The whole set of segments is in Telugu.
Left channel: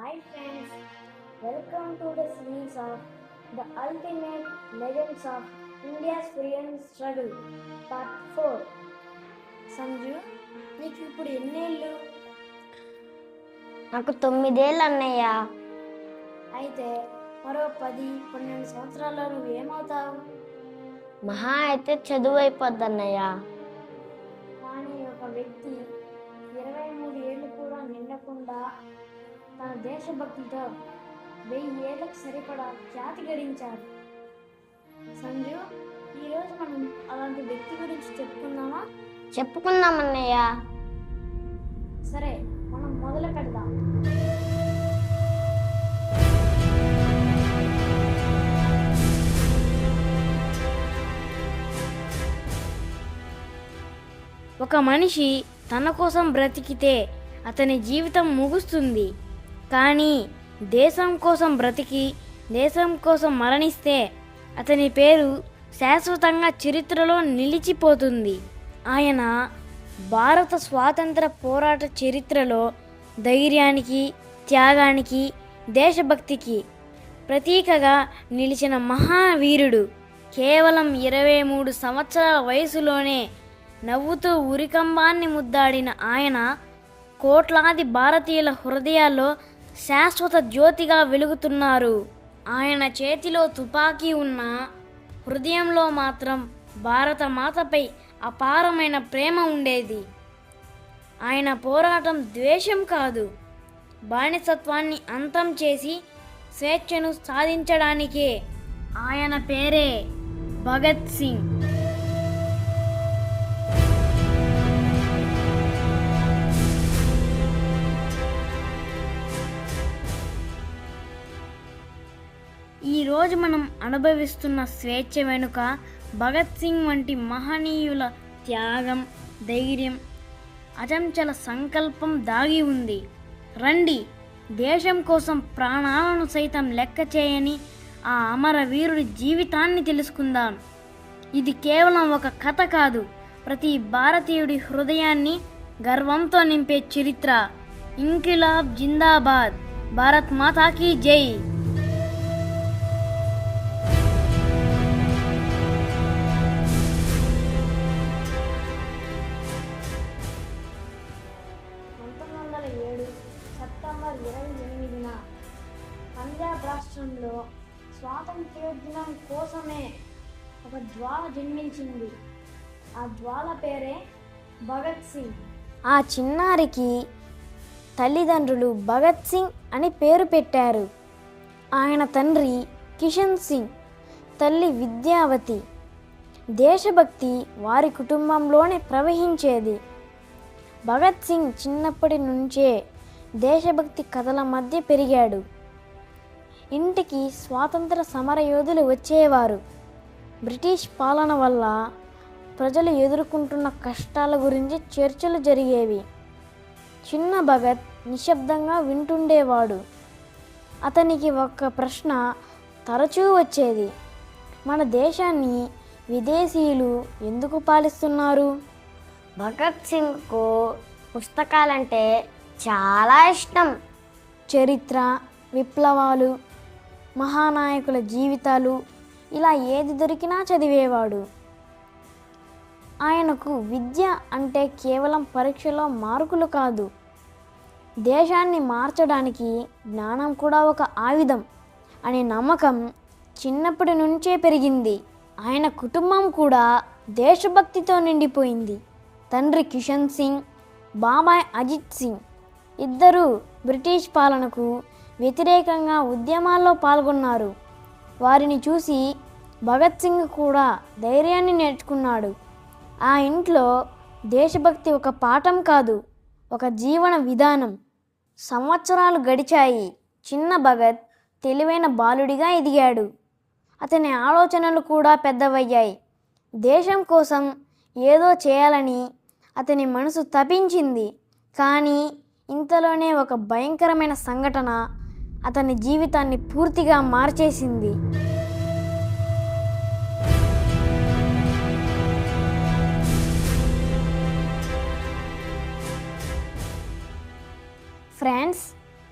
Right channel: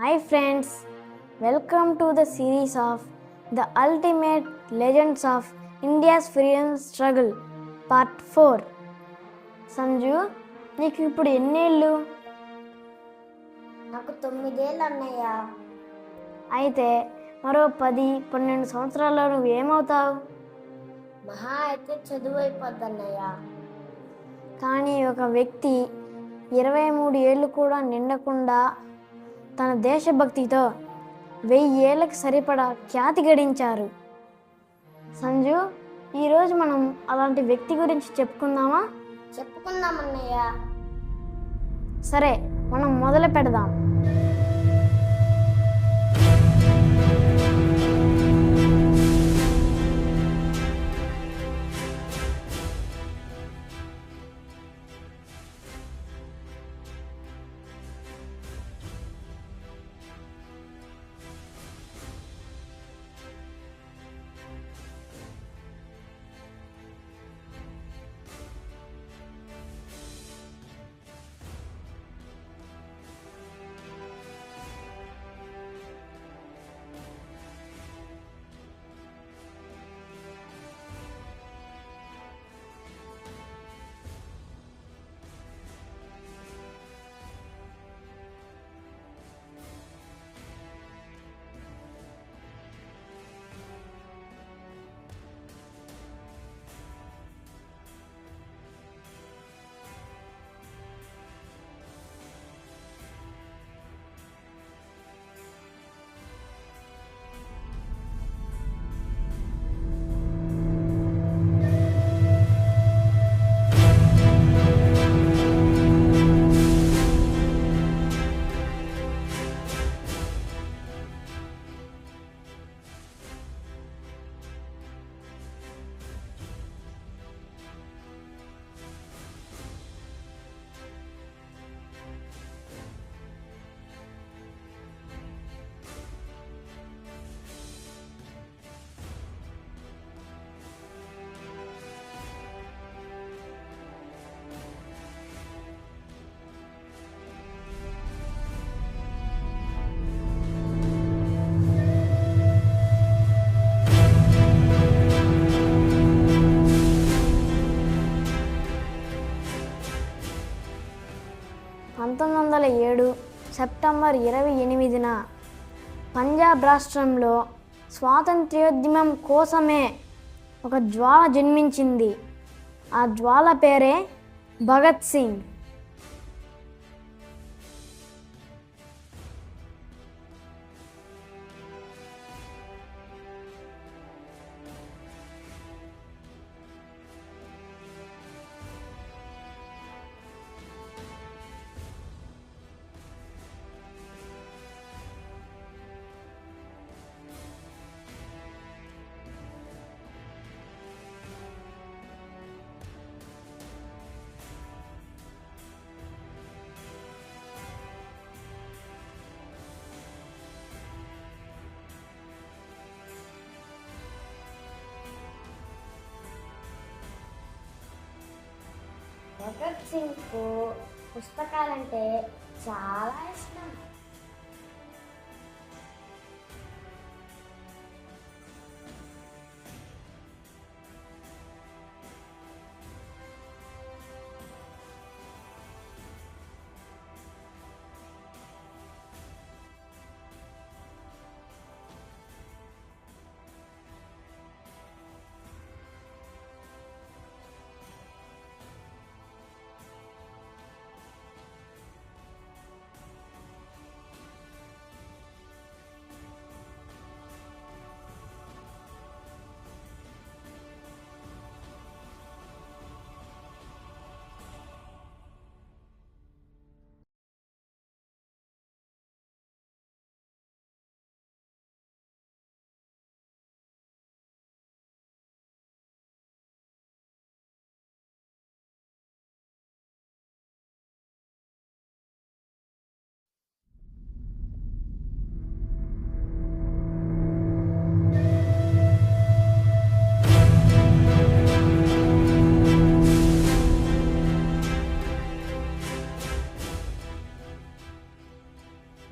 Hi friends, welcome to the series of The Ultimate Legends of India's Freedom Struggle Part 4. Sanju, నీకు ఇప్పుడు ఎన్నేళ్ళు? నాకు 9 అన్నయ్య. అయితే మరో 10-12 సంవత్సరాల్లో నువ్వు ఏమవుతావు? మహా అయితే చదువు అయిపోద్ది అన్నయ్య. కానీ ఒక వ్యక్తి 23 ఏళ్ళు కూడా నిండకుండా తన దేశభక్తితో 1000 ఏళ్ళకి సరిపడా ఖ్యాతి గడించారు. సంజు, ఈరోజు మనం అలాంటి వ్యక్తి గురించి చెప్పుకుందామా? చెప్పుకుందాం అన్నయ్య. సరే, మనం మొదలు పెడదాం. ఒక మనిషి తన కోసం బ్రతికితే అతని జీవితం ముగుస్తుంది. కానీ దేశం కోసం బ్రతికి దేశం కోసం మరణిస్తే అతని పేరు శాశ్వతంగా చరిత్రలో నిలిచిపోతుంది. ఆయన భారత స్వాతంత్ర పోరాట చరిత్రలో ధైర్యానికి, త్యాగానికి, దేశభక్తికి ప్రతీకగా నిలిచిన మహావీరుడు. కేవలం 23 సంవత్సరాల వయసులోనే నవ్వుతూ ఉరికంబాన్ని ముద్దాడిన ఆయన కోట్లాది భారతీయుల హృదయాల్లో శాశ్వత జ్యోతిగా వెలుగుతున్నారు. ఆయన చేతిలో తుపాకీ ఉన్న హృదయంలో మాత్రం భారత మాతపై అపారమైన ప్రేమ ఉండేది. ఆయన పోరాటం ద్వేషం కాదు, బానిసత్వాన్ని అంతం చేసి స్వేచ్ఛను సాధించడానికే. ఆయన పేరే భగత్ సింగ్. ఈరోజు మనం అనుభవిస్తున్న స్వేచ్ఛ వెనుక భగత్ సింగ్ వంటి మహనీయుల త్యాగం, ధైర్యం, అచంచల సంకల్పం దాగి ఉంది. రండి, దేశం కోసం ప్రాణాలను సైతం లెక్క చేయని ఆ అమరవీరుడి జీవితాన్ని తెలుసుకుందాం. ఇది కేవలం ఒక కథ కాదు, ప్రతి భారతీయుడి హృదయాన్ని గర్వంతో నింపే చరిత్ర. ఇంకిలాబ్ జిందాబాద్, భారత్ మాతాకి జై. సెప్టెంబర్ 28న పంజాబ్ రాష్ట్రంలో స్వాతంత్ర్యోద్యమం కోసమే ఒక జ్వాల జన్మించింది. ఆ జ్వాల పేరే భగత్ సింగ్. ఆ చిన్నారికి తల్లిదండ్రులు భగత్ సింగ్ అని పేరు పెట్టారు. ఆయన తండ్రి కిషన్ సింగ్, తల్లి విద్యావతి. దేశభక్తి వారి కుటుంబంలోనే ప్రవహించేది. భగత్ సింగ్ చిన్నప్పటి నుంచే దేశభక్తి కథల మధ్య పెరిగాడు. ఇంటికి స్వాతంత్ర సమరయోధులు వచ్చేవారు. బ్రిటిష్ పాలన వల్ల ప్రజలు ఎదుర్కొంటున్న కష్టాల గురించి చర్చలు జరిగేవి. చిన్న భగత్ నిశ్శబ్దంగా వింటుండేవాడు. అతనికి ఒక ప్రశ్న తరచూ వచ్చేది: మన దేశాన్ని విదేశీయులు ఎందుకు పాలిస్తున్నారు? భగత్ సింగ్కు పుస్తకాలంటే చాలా ఇష్టం. చరిత్ర, విప్లవాలు, మహానాయకుల జీవితాలు, ఇలా ఏది దొరికినా చదివేవాడు. ఆయనకు విద్య అంటే కేవలం పరీక్షలో మార్కులు కాదు, దేశాన్ని మార్చడానికి జ్ఞానం కూడా ఒక ఆయుధం అనే నమ్మకం చిన్నప్పటి నుంచే పెరిగింది. ఆయన కుటుంబం కూడా దేశభక్తితో నిండిపోయింది. తండ్రి కిషన్ సింగ్, బాబాయ్ అజిత్ సింగ్ ఇద్దరూ బ్రిటిష్ పాలనకు వ్యతిరేకంగా ఉద్యమాల్లో పాల్గొన్నారు. వారిని చూసి భగత్ సింగ్ కూడా ధైర్యాన్ని నేర్చుకున్నాడు. ఆ ఇంట్లో దేశభక్తి ఒక పాఠం కాదు, ఒక జీవన విధానం. సంవత్సరాలు గడిచాయి. చిన్న భగత్ తెలివైన బాలుడిగా ఎదిగాడు. అతని ఆలోచనలు కూడా పెద్దవయ్యాయి. దేశం కోసం ఏదో చేయాలని అతని మనసు తపించింది. కానీ ఇంతలోనే ఒక భయంకరమైన సంఘటన అతని జీవితాన్ని పూర్తిగా మార్చేసింది. ఫ్రెండ్స్,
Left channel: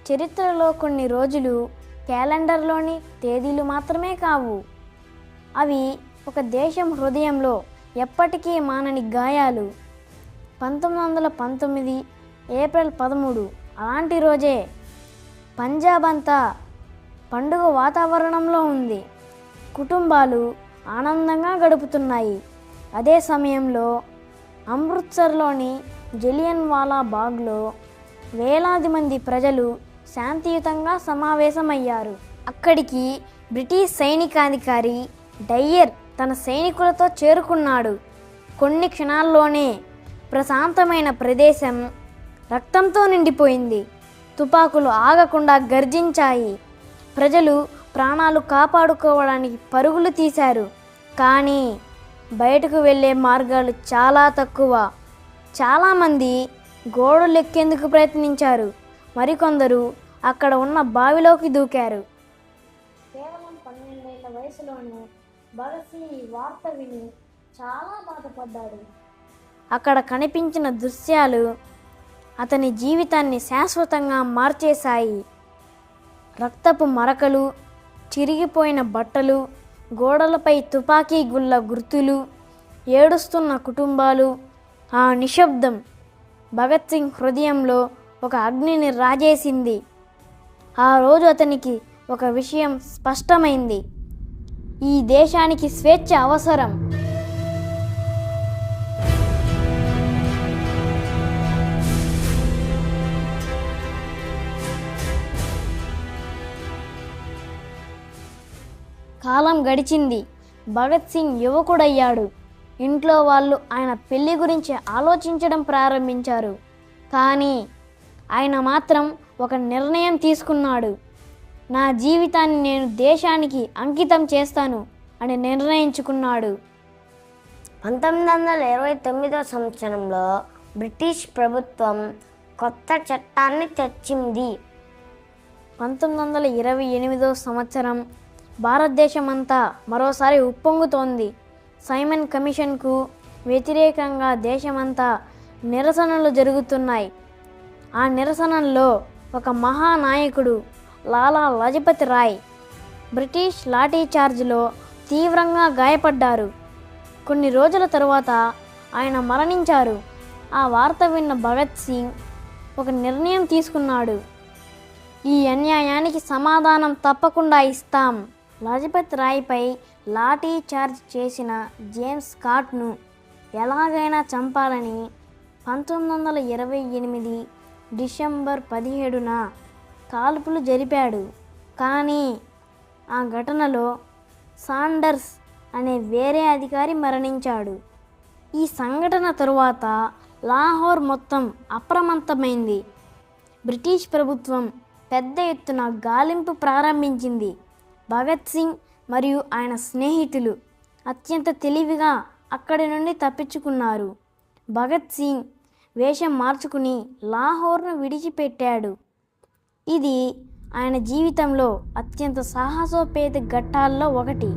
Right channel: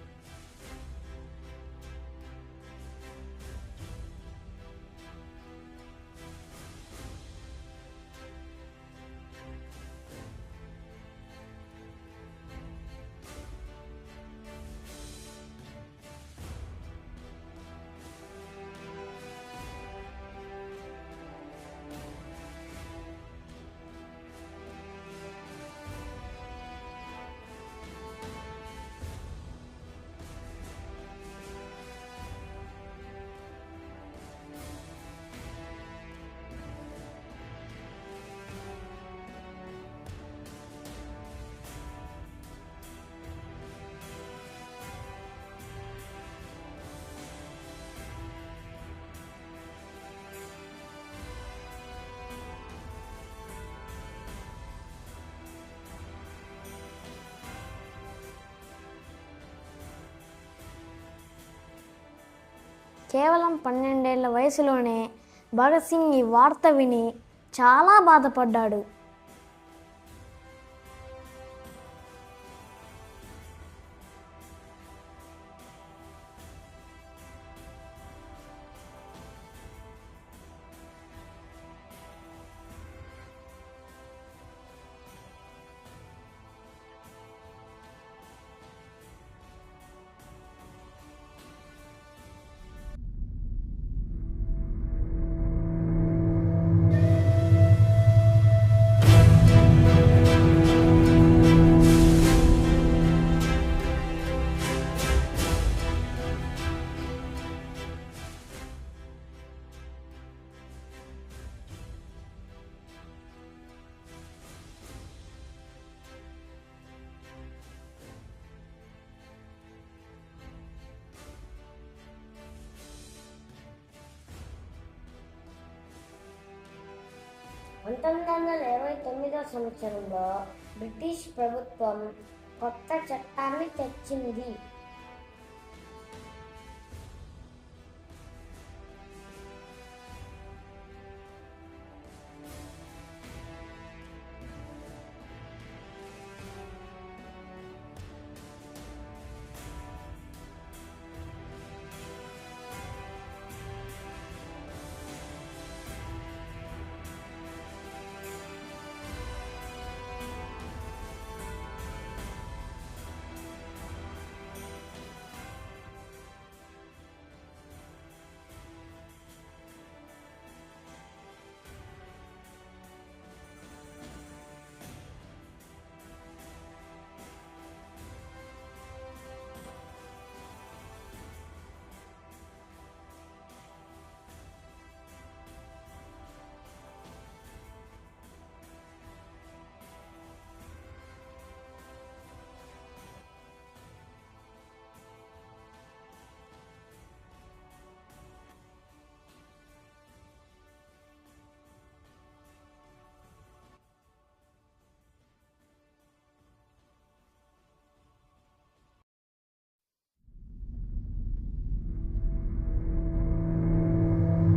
చరిత్రలో కొన్ని రోజులు క్యాలెండర్లోని తేదీలు మాత్రమే కావు. అవి ఒక దేశం హృదయంలో ఎప్పటికీ మానని గాయాలు. 1919 ఏప్రిల్ 13 అలాంటి రోజే. పంజాబ్ అంతా పండుగ వాతావరణంలో ఉంది. కుటుంబాలు ఆనందంగా గడుపుతున్నాయి. అదే సమయంలో అమృత్సర్లోని జలియన్ వాలా బాగ్లో వేలాది మంది ప్రజలు శాంతియుతంగా సమావేశమయ్యారు. అక్కడికి బ్రిటిష్ సైనికాధికారి డయ్యర్ తన సైనికులతో చేరుకున్నాడు. కొన్ని క్షణాల్లోనే ప్రశాంతమైన ప్రదేశం రక్తంతో నిండిపోయింది. తుపాకులు ఆగకుండా గర్జించాయి. ప్రజలు ప్రాణాలు కాపాడుకోవడానికి పరుగులు తీశారు. కానీ బయటకు వెళ్ళే మార్గాలు చాలా తక్కువ. చాలామంది గోడలు ఎక్కేందుకు ప్రయత్నించారు. మరికొందరు అక్కడ ఉన్న బావిలోకి దూకారు. కేవలం 12 ఏళ్ల వయసులోనే భగత్ సింగ్ ఈ వార్త విని చాలా బాధపడ్డాడు. అక్కడ కనిపించిన దృశ్యాలు అతని జీవితాన్ని శాశ్వతంగా మార్చేశాయి. రక్తపు మరకలు, చిరిగిపోయిన బట్టలు, గోడలపై తుపాకీ గుళ్ళ గుర్తులు, ఏడుస్తున్న కుటుంబాలు. ఆ నిశ్శబ్దం భగత్ సింగ్ హృదయంలో ఒక అగ్నిని రాజేసింది. ఆ రోజు అతనికి ఒక విషయం స్పష్టమైంది. ఈ దేశానికి స్వేచ్ఛ అవసరం. కాలం గడిచింది. భగత్ సింగ్ యువకుడయ్యాడు. ఇంట్లో వాళ్ళు ఆయన పెళ్లి గురించి ఆలోచించడం ప్రారంభించారు. కానీ ఆయన మాత్రం ఒక నిర్ణయం తీసుకున్నాడు. నా జీవితాన్ని నేను దేశానికి అంకితం చేస్తాను అని నిర్ణయించుకున్నాడు. 1929 సంవత్సరంలో బ్రిటిష్ ప్రభుత్వం కొత్త చట్టాన్ని తెచ్చింది. 1928 సంవత్సరం భారతదేశమంతా మరోసారి ఉప్పొంగుతోంది. సైమన్ కమిషన్కు వ్యతిరేకంగా దేశమంతా నిరసనలు జరుగుతున్నాయి. ఆ నిరసనల్లో ఒక మహానాయకుడు లాలా లజపతి రాయ్ బ్రిటిష్ లాఠీచార్జ్లో తీవ్రంగా గాయపడ్డారు. కొన్ని రోజుల తరువాత ఆయన మరణించారు. ఆ వార్త విన్న భగత్ సింగ్ ఒక నిర్ణయం తీసుకున్నాడు. ఈ అన్యాయానికి సమాధానం తప్పకుండా ఇస్తాం. లజపత్ రాయ్పై లాఠీ చార్జ్ చేసిన జేమ్స్ స్కాట్ను ఎలాగైనా చంపాలని 1928 డిసెంబర్ 17న కాల్పులు జరిపాడు. కానీ ఆ ఘటనలో సాండర్స్ అనే వేరే అధికారి మరణించాడు. ఈ సంఘటన తరువాత లాహోర్ మొత్తం అప్రమత్తమైంది. బ్రిటిష్ ప్రభుత్వం పెద్ద ఎత్తున గాలింపు ప్రారంభించింది. భగత్ సింగ్ మరియు ఆయన స్నేహితులు అత్యంత తెలివిగా అక్కడి నుండి తప్పించుకున్నారు. భగత్ సింగ్ వేషం మార్చుకుని లాహోర్ను విడిచిపెట్టాడు. ఇది ఆయన జీవితంలో అత్యంత సాహసోపేత ఘట్టాల్లో ఒకటి.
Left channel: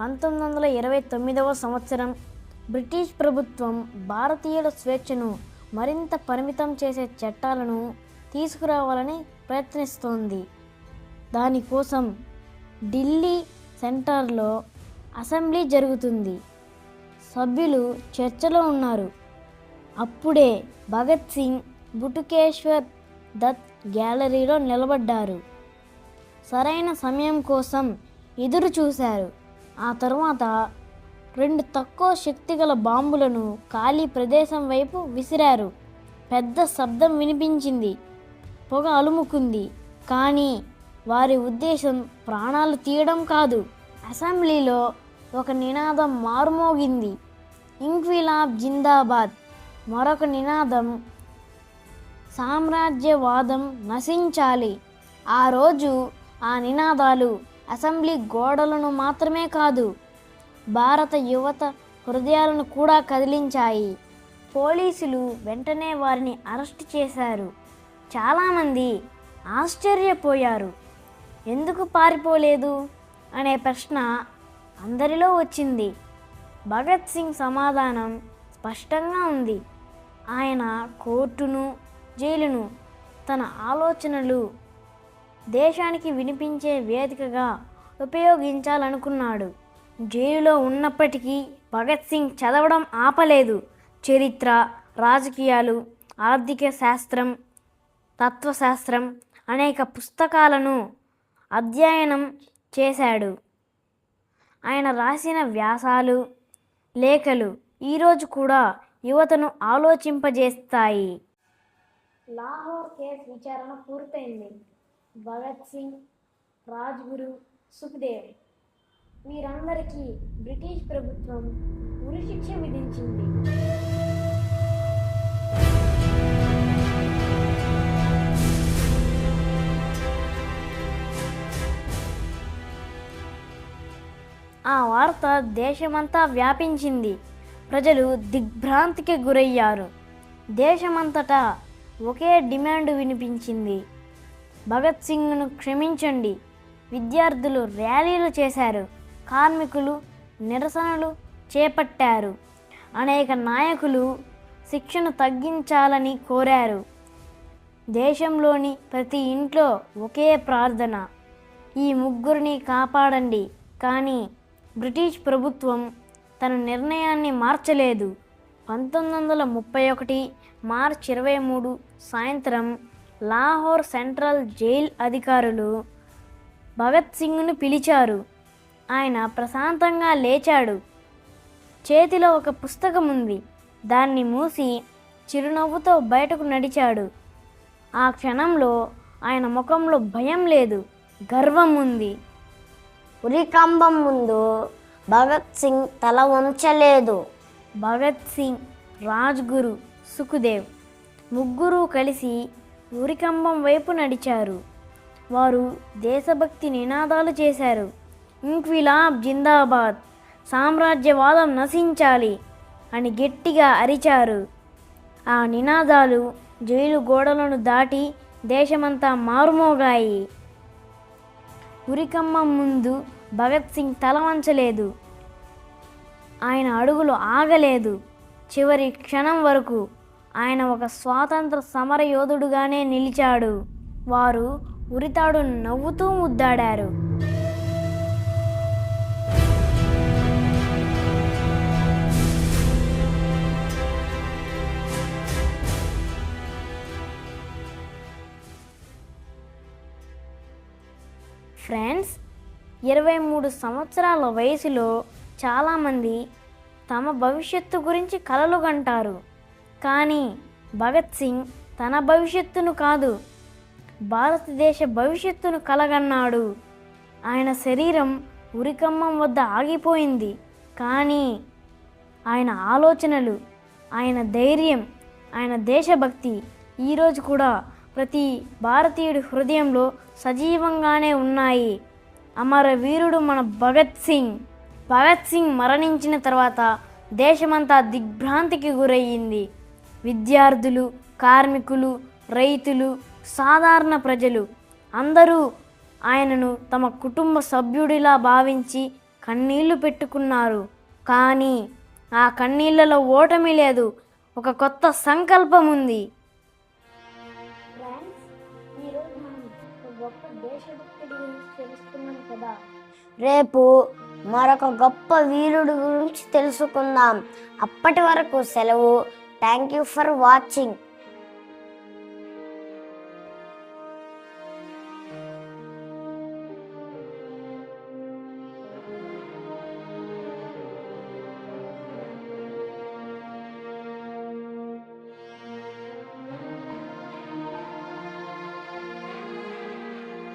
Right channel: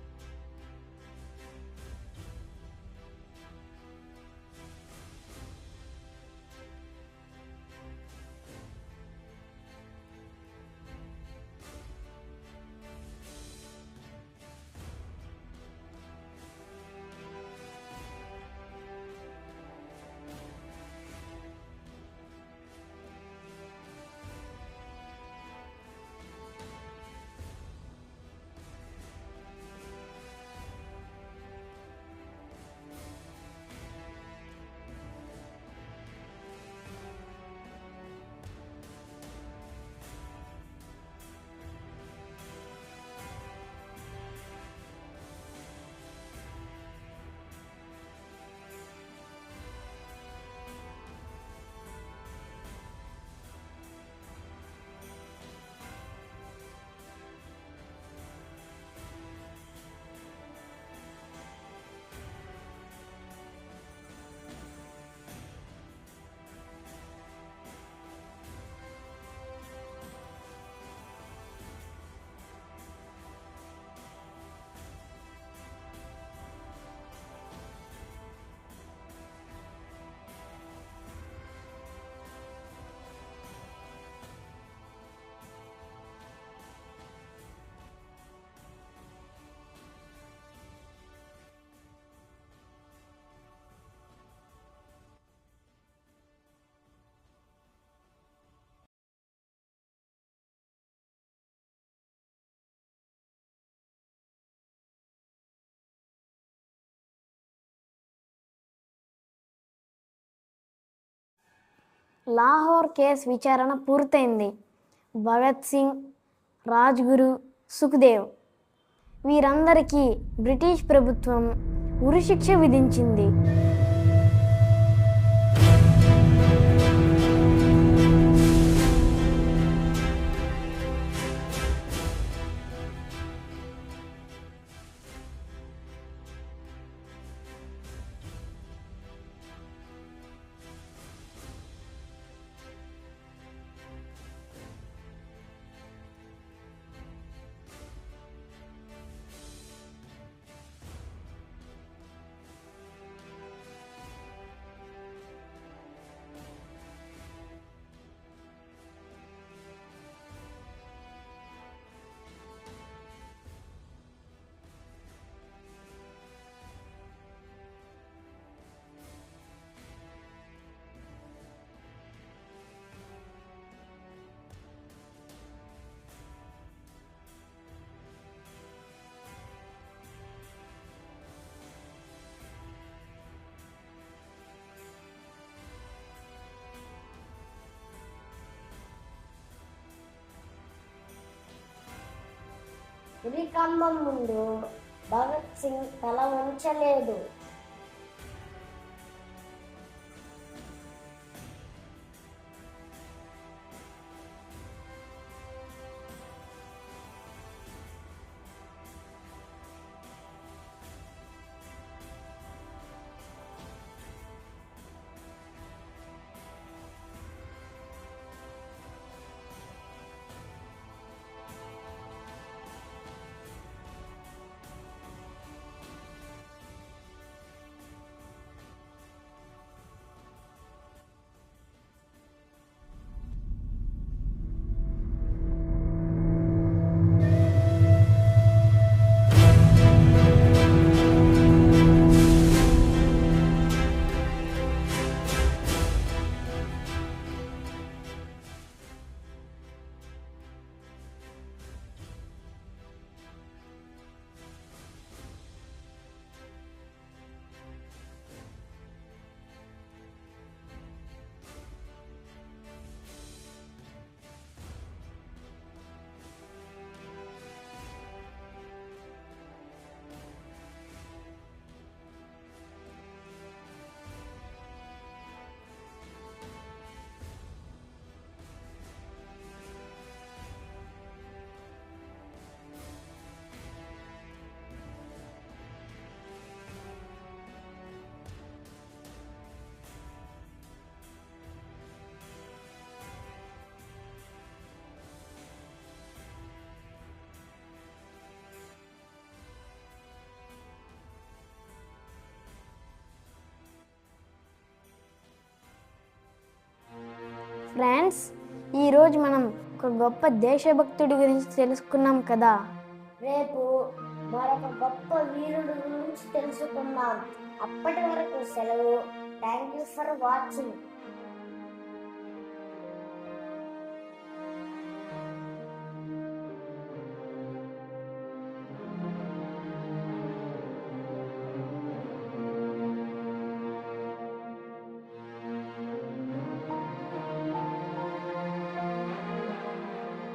పంతొమ్మిది వందల 29వ సంవత్సరం బ్రిటిష్ ప్రభుత్వం భారతీయుల స్వేచ్ఛను మరింత పరిమితం చేసే చట్టాలను తీసుకురావాలని ప్రయత్నిస్తోంది. దానికోసం ఢిల్లీ సెంటర్లో అసెంబ్లీ జరుగుతుంది. సభ్యులు చర్చలో ఉన్నారు. అప్పుడే భగత్ సింగ్ బుటుకేశ్వర్ దత్ గ్యాలరీలో నిలబడ్డారు. సరైన సమయం కోసం ఎదురు చూశారు. ఆ తర్వాత 2 తక్కువ శక్తిగల బాంబులను ఖాళీ ప్రదేశం వైపు విసిరారు. పెద్ద శబ్దం వినిపించింది. పొగ అలుముకుంది. కానీ వారి ఉద్దేశం ప్రాణాలు తీయడం కాదు. అసెంబ్లీలో ఒక నినాదం మారుమోగింది, ఇంక్విలాబ్ జిందాబాద్. మరొక నినాదం, సామ్రాజ్యవాదం నశించాలి. ఆ రోజు ఆ నినాదాలు అసెంబ్లీ గోడలను మాత్రమే కాదు, భారత యువత హృదయాలను కూడా కదిలించాయి. పోలీసులు వెంటనే వారిని అరెస్ట్ చేశారు. చాలామంది ఆశ్చర్యపోయారు. ఎందుకు పారిపోలేదు అనే ప్రశ్న అందరిలో వచ్చింది. భగత్ సింగ్ సమాధానం స్పష్టంగా ఉంది. ఆయన కోర్టును, జైలును తన ఆలోచనలు దేశానికి వినిపించే వేదికగా ఉపయోగించాలనుకున్నాడు. జైలులో ఉన్నప్పటికీ భగత్ సింగ్ చదవడం ఆపలేదు. చరిత్ర, రాజకీయాలు, ఆర్థిక శాస్త్రం, తత్వశాస్త్రం అనేక పుస్తకాలను అధ్యయనం చేశాడు. ఆయన రాసిన వ్యాసాలు, లేఖలు ఈరోజు కూడా యువతను ఆలోచింపజేస్తాయి. లాహోర్ కేసు విచారణ పూర్తయింది. భగత్ సింగ్, రాజ్గురు, సుఖ్దేవ్ వీరందరికీ బ్రిటిష్ ప్రభుత్వం ఉరిశిక్ష విధించింది. ఆ వార్త దేశమంతా వ్యాపించింది. ప్రజలు దిగ్భ్రాంతికి గురయ్యారు. దేశమంతటా ఒకే డిమాండ్ వినిపించింది: భగత్ సింగ్ను క్షమించండి. విద్యార్థులు ర్యాలీలు చేశారు. కార్మికులు నిరసనలు చేపట్టారు. అనేక నాయకులు శిక్షను తగ్గించాలని కోరారు. దేశంలోని ప్రతి ఇంట్లో ఒకే ప్రార్థన: ఈ ముగ్గురిని కాపాడండి. కానీ బ్రిటిష్ ప్రభుత్వం తన నిర్ణయాన్ని మార్చలేదు. 1931 మార్చి 23 సాయంత్రం లాహోర్ సెంట్రల్ జైల్ అధికారులు భగత్ సింగ్ను పిలిచారు. ఆయన ప్రశాంతంగా లేచాడు. చేతిలో ఒక పుస్తకం ఉంది. దాన్ని మూసి చిరునవ్వుతో బయటకు నడిచాడు. ఆ క్షణంలో ఆయన ముఖంలో భయం లేదు, గర్వం ఉంది. ఉరికంబం ముందు భగత్ సింగ్ తల వంచలేదు. భగత్ సింగ్, రాజ్గురు, సుఖ్దేవ్ ముగ్గురు కలిసి ఉరికంబం వైపు నడిచారు. వారు దేశభక్తి నినాదాలు చేశారు. ఇంక్విలాబ్ జిందాబాద్, సామ్రాజ్యవాదం నశించాలి అని గట్టిగా అరిచారు. ఆ నినాదాలు జైలు గోడలను దాటి దేశమంతా మారుమోగాయి. ఉరికంబం ముందు భగత్ సింగ్ తల వంచలేదు. ఆయన అడుగులు ఆగలేదు. చివరి క్షణం వరకు ఆయన ఒక స్వాతంత్ర సమర యోధుడుగానే నిలిచాడు. వారు ఉరితాడును నవ్వుతూ ముద్దాడారు. ఫ్రెండ్స్, 23 సంవత్సరాల వయసులో చాలామంది తమ భవిష్యత్తు గురించి కలలు కంటారు. కానీ భగత్ సింగ్ తన భవిష్యత్తును కాదు, భారతదేశ భవిష్యత్తును కలగన్నాడు. ఆయన శరీరం ఉరికంబం వద్ద ఆగిపోయింది. కానీ ఆయన ఆలోచనలు, ఆయన ధైర్యం, ఆయన దేశభక్తి ఈరోజు కూడా ప్రతి భారతీయుడి హృదయంలో సజీవంగానే ఉన్నాయి. అమరవీరుడు మన భగత్ సింగ్. భగత్ సింగ్ మరణించిన తర్వాత దేశమంతా దిగ్భ్రాంతికి గురయ్యింది. విద్యార్థులు, కార్మికులు, రైతులు, సాధారణ ప్రజలు అందరూ ఆయనను తమ కుటుంబ సభ్యుడిలా భావించి కన్నీళ్లు పెట్టుకున్నారు. కానీ ఆ కన్నీళ్లలో ఓటమి లేదు, ఒక కొత్త సంకల్పం ఉంది. ఫ్రెండ్స్, ఈరోజు మనం ఒక గొప్ప దేశభక్తుడి గురించి తెలుసుకున్నాం కదా. రేపు మరొక గొప్ప వీరుడి గురించి తెలుసుకుందాం. అప్పటి వరకు సెలవు. Thank you for watching.